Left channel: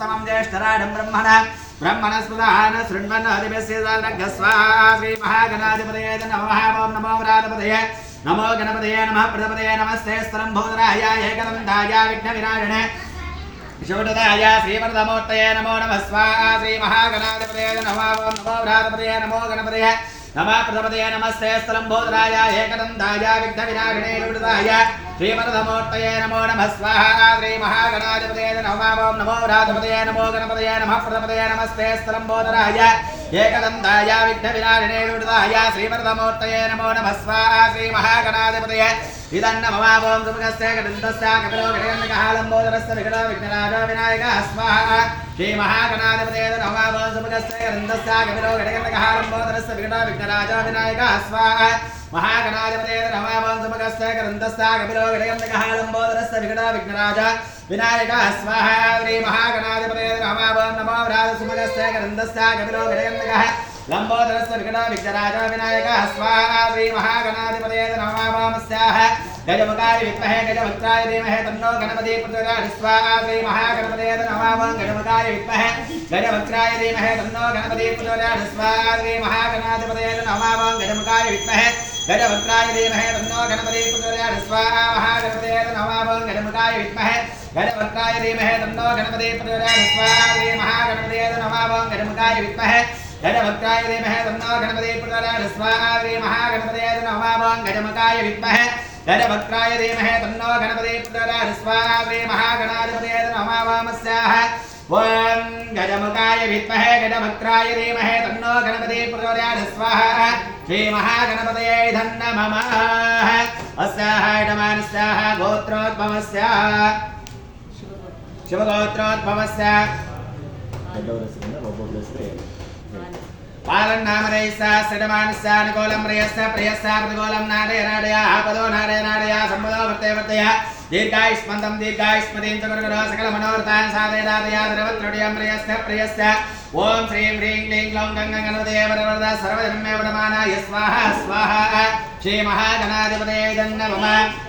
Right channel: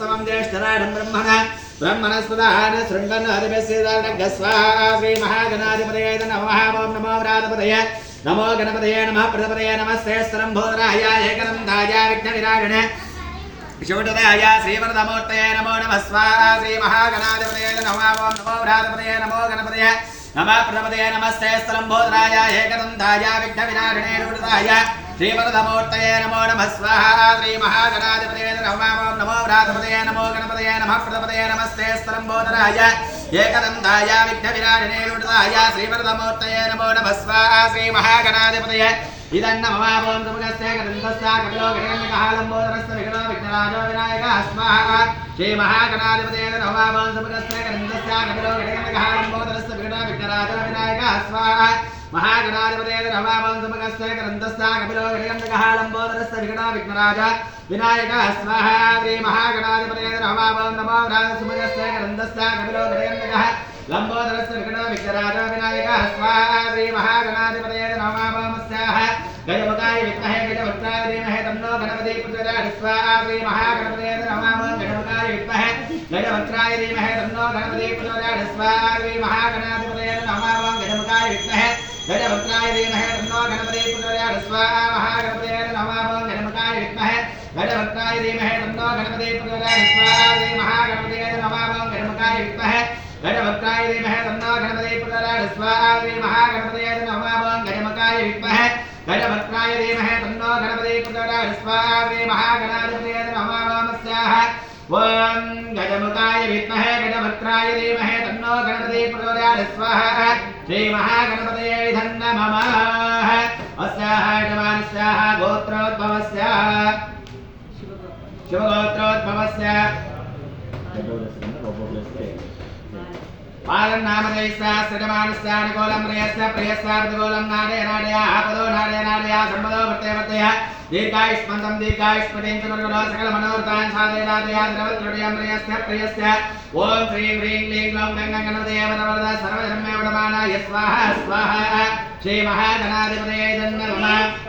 तमं ज्येष्ठराढं ब्रह्मणस्पदान शृण्वन् अधिपस्येदानगस्वाहा श्री महागणाधिपतये नमः ओं नमो व्रातपतये नमो गणपतये नमः प्रजापतये नमस्ते स्तरम्भोदराय एकदन्ताय विघ्नविनाशिने शिवददाय श्रीवरदमूर्तये नमो नमः स्वाहा श्री महागणाधिपतये नमः ओं नमो व्रातपतये नमो गणपतये नमः प्रजापतये नमस्ते स्तरम्भोदराय एकदन्ताय विघ्नविनाशिने शिवददाय श्रीवरदमूर्तये नमो नमः स्वाहा श्री महागणाधिपतये नमः ओं नमो व्रातपतये नमो गणपतये नमः प्रजापतये नमस्ते स्तरम्भोदराय एकदन्ताय विघ्नविनाशिने शिवददाय श्रीवरदमूर्तये नमो नमः स्वाहा श्री महागणाधिपतये इदन्न ममावं सुमगस्य गदन्तस्य कपिलो गणगणकालम्बोदरस्य विघ्नो विघ्नराजो विनायकः स्वाहा श्री महागणाधिपतये नमः सुमगस्य गदन्तस्य कपिलो गणगणकालम्बोदरस्य विघ्नो विघ्नराजो विनायकः स्वाहा महागणाधिपतये नमः सुमगस्य गदन्तस्य कपिलो गणगणकालम्बोदरस्य विघ्नो विघ्नराजो विनायकः स्वाहा श्री महागणाधिपतये नमः नमो व्रात सुमगस्य गदन्तस्य कपिलो गणगणकाः लंबोदरस्य विघ्नो विघ्नराजो विनायकः स्वाहा श्री महागणाधिपतये नमः नमस्याः गजमुखाय विद्महे गजवक्त्राय धीमहि तन्नो गणपतिः प्रचोदयात् स्वाहा श्री महागणपतये नमः गजमुखाय विद्महे गजवक्त्राय धीमहि तन्नो गणपतिः प्रचोदयात् स्वाहा श्री महागणाधिपतये नमः गजमुखाय विद्महे गजवक्त्राय धीमहि तन्नो गणपतिः प्रचोदयात् स्वाहा महागणपतये नमः गजमुखाय विद्महे गजवक्त्राय धीमहि तन्नो गणपतिः प्रचोदयात् स्वाहा श्री महागणपतये नमः गजमुखाय विद्महे गजवक्त्राय धीमहि तन्नो गणपतिः प्रचोदयात् स्वाहा श्री महागणपतये नमः गजमुखाय विद्महे गजवक्त्राय धीमहि तन्नो गणपतिः प्रचोदयात् स्वाहा श्री महागणाधिपतये नमः नमस्याः ओं गजमुखाय विद्महे गजवक्त्राय धीमहि तन्नो गणपतिः प्रचोदयात् स्वाहा श्री महागणपतये नमः अस्याः यजमानस्याः गोत्रोद्भवस्याः शिवगोत्रोद्भवस्य पालन नामदेशा श्रीमानस्या निकोलं प्रियस्य प्रियस्या प्रतिकोलं नाडे नाडया आपदो नाडे नाडया संपदो वर्ते वर्तय दीर्घायुष्मन्तं दीर्घायुष्मतीं च गुरुगुरो सकलमनोरथान् साधयदादया द्रवत्रडियं प्रियस्य प्रियस्य ओं श्रीं ह्रीं क्लीं ग्लौं गङ्गं गणपतये वरवरद सर्वजन्मे वडमानाय स्वाहा स्वाहा श्री महागणाधिपतये नमः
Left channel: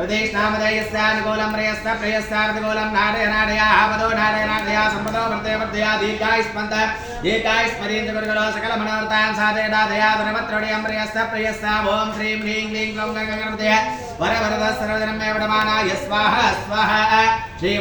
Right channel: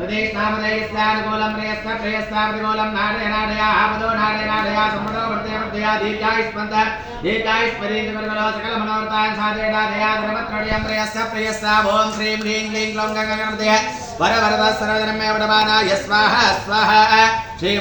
हृदयस्नामदेयस्यानुकूलं प्रियस्य प्रियस्याप्रतिकूलं नाडे नाडया आपदो नाडे नाडया सम्पदो वर्ते वर्तया दीर्घायुष्मन्तः दीर्घायुष्मतीं च गुरुगुरो सकलमनोरथान् साधयदादया धर्मत्रडियं प्रियस्य प्रियस्य ओं श्रीं ह्रीं क्लीं ग्लौं गङ्गं गणपतये वरवरद सर्वजन्मे वडमानाय स्वाहा स्वाहा श्री